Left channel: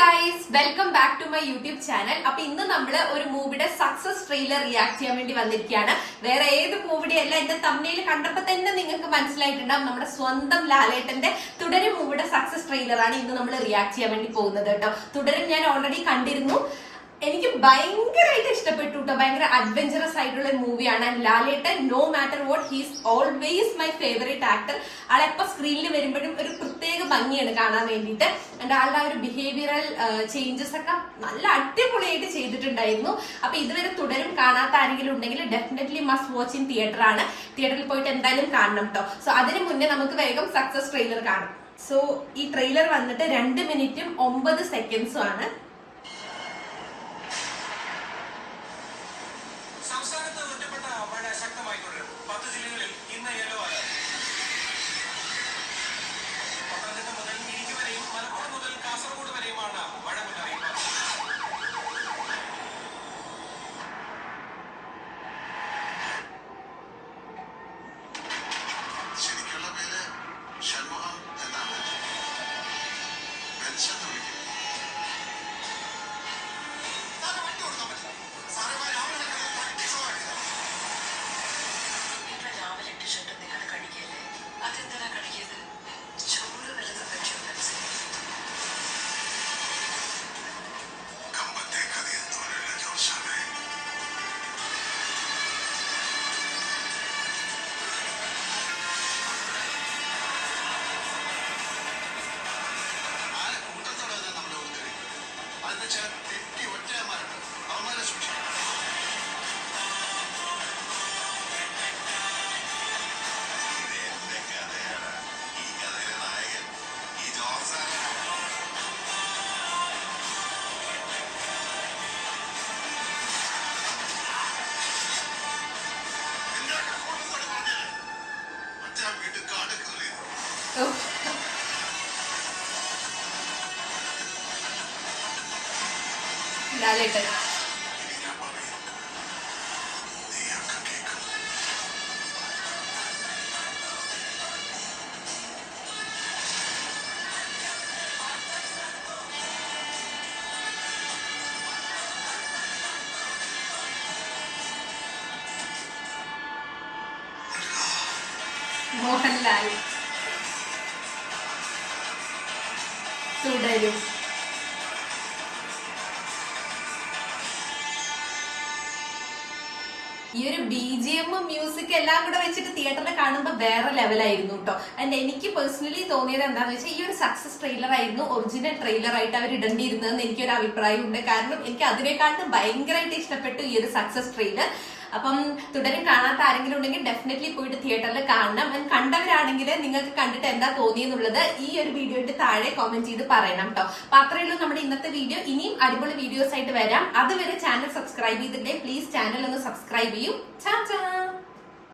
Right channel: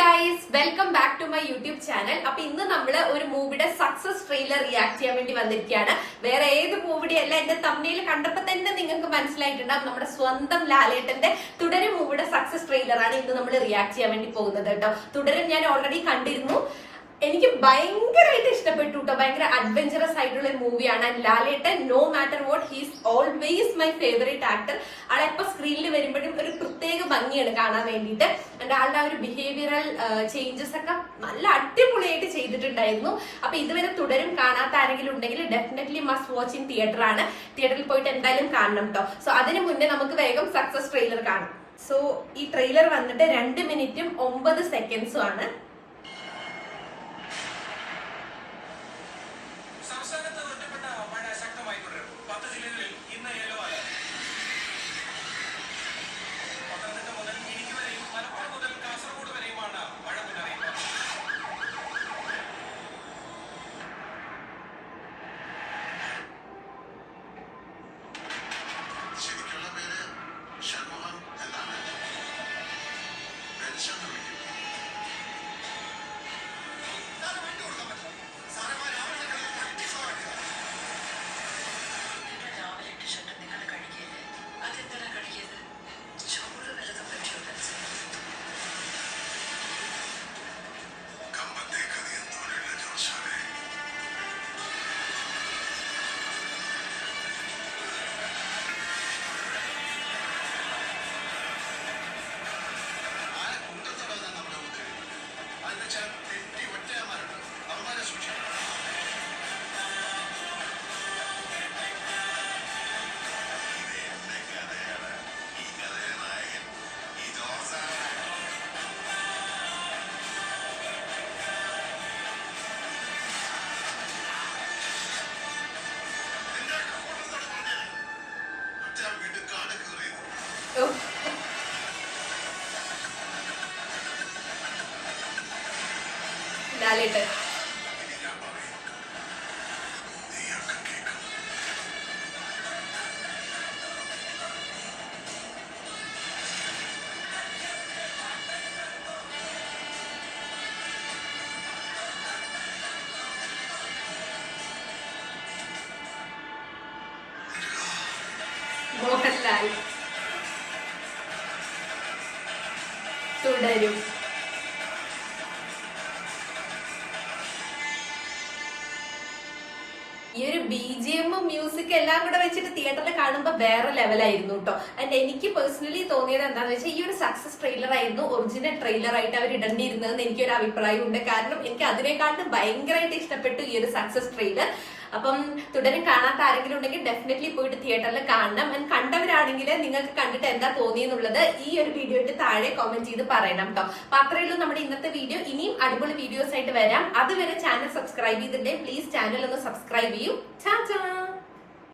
Guys, welcome back to my YouTube channel. അപ്പൊ ഇന്ന് നമ്മള് ഒരു മൂവിയുടെ സക്സസ് ട്രെയിലർ റിയാക്ട് ചെയ്യാൻ വേണ്ടി വന്നിരിക്കുകയാണ്. വേറെ ഏത് മൂവിയുടെ അല്ല, എന്റെ തമ്മിൽ കണ്ടപ്പോ തന്നെ നിങ്ങൾക്ക് മനസ്സിലായിട്ടുണ്ടാവും നമ്മുടെ സ്വന്തം ലാലേട്ടന്റെ തുടരും മൂവിയുടെ സക്സസ് ട്രെയിലറാണ് ഇന്ന് നമ്മൾ റിയാക്ട് ചെയ്യാൻ വേണ്ടി പോകുന്നത് കേട്ടോ. തുടരും ഞാൻ ഓൾറെഡി കണ്ടിരുന്നു. എനിക്ക് ഭയങ്കരമായിട്ട് ഇഷ്ടപ്പെട്ടു കേട്ടോ. ഭയങ്കര അഡ്വഞ്ചറസ് ആയിട്ടുള്ള ഒരു മൂവിയാണ്. Lalettan no matter what he's always my favourite actor. ആളെപ്പോ സ്ക്രീനിൽ വരുമ്പോഴും ഒരു പ്രത്യേക ഭംഗിയാണ് കാണാൻ വേണ്ടിയിട്ട്. ആൻഡ് ആളുടെ ആ ഒരു ബിഹേവിയറൽ ചേഞ്ചസ് ഒക്കെ നല്ല അടിപൊളിയായിട്ട് ചെയ്തിട്ടുണ്ടായിരുന്നു. അപ്പൊ ഇതുവരെ തുടരും കാണാത്ത ആരെങ്കിലും ഉണ്ടെങ്കിൽ definitely must watch in theatre ആണ്. തിയേറ്ററിൽ പോയിട്ട് എന്തായാലും കാണണം കേട്ടോ. സോ അതിന് മുന്നേ നമുക്ക് വേഗം സക്സസ് ട്രെയിലർ കാണാം. സോ ഈ ട്രെയിലർ വന്നിട്ട് 2 മിനിറ്റും 9 സെക്കൻഡ്സും ആണ്. സംസ്ഥാനത്ത് ഒറ്റപ്പെട്ട മഴ ശക്തമായി തുടരും. 10 ജില്ലകളിൽ ഇന്ന് യെല്ലോ അലർട്ട്. പത്തനംതിട്ട മുതൽ ഇടുക്കി വരെയും മലപ്പുറം മുതൽ കാസർഗോഡ് വരെയുമാണ് മഴ മുന്നറിയിപ്പ്. ശരിക്കുള്ള പേര് ഷൺമുഖം എന്നാണ്. തെറ്റി ഒറ്റയന്മാരുണ്ട്, അവന്മാരെ സൂക്ഷിക്കണം. എന്റെ കഥയാണ് ഈ കഥയിലെ നായകൻ, ഈ ജോസാണ്. എന്റെ കൂട്ടത്തോട് പറഞ്ഞ മറ്റേ ആ വീട്ടിൽ കാടൊക്കെ അറിയുന്നു. ലാലേട്ടൻ മോഹൻലാൽ തുടരും. ഈ ഒരു BGM മ്യൂസിക് എല്ലാം കൂടെ വെച്ചിട്ട് തിയേറ്ററിൽ കാണുമ്പോൾ വേറെ ലെവലായിരുന്നു കേട്ടോ. ആൻഡ് എനിക്ക് പേഴ്സണലി തോന്നിയത് എന്താണെന്ന് വെച്ചാൽ ഈ ഒരു സക്സസ് ട്രെയിലർ ആയിരുന്നു ഒറിജിനൽ ട്രെയിലർ ആയിട്ട് അവർ ഇടേണ്ടിയിരുന്നതെന്ന് എനിക്കൊരു അഭിപ്രായമുണ്ട്. കാരണം എനിക്ക് അതിനെക്കാട്ടും ഭയങ്കരമായിട്ട് ഇഷ്ടപ്പെട്ടു ഈ ഒരു സക്സസ് ട്രെയിലർ. അപ്പം തുടരും കാണാത്ത ആരെങ്കിലും ഉണ്ടെങ്കിൽ ഡെഫിനറ്റ്ലി പോയിട്ട് തിയേറ്ററിൽ കാണണം. ആൻഡ് കണ്ടവരാണെങ്കിൽ നിങ്ങൾക്ക് കണ്ടിട്ട് എന്താ തോന്നിയെന്നുള്ളത് ഈ ഒരു വീഡിയോയ്ക്ക് താഴെ കമന്റ് ചെയ്ത് പറയണം കേട്ടോ. അപ്പൊ അത്രയേ ഉള്ളൂ നമ്മുടെ ഇന്നത്തെ വീഡിയോ. ഇനിയും അടിപൊളി വീഡിയോസ് ആയിട്ട് വരാം. അതുവരെ ചാനൽ സബ്സ്ക്രൈബ് ചെയ്തിട്ടുണ്ടെങ്കിൽ പ്ലീസ് ചാനൽ ഒന്ന് സബ്സ്ക്രൈബ് ചെയ്യൂ. ചാ ചാ.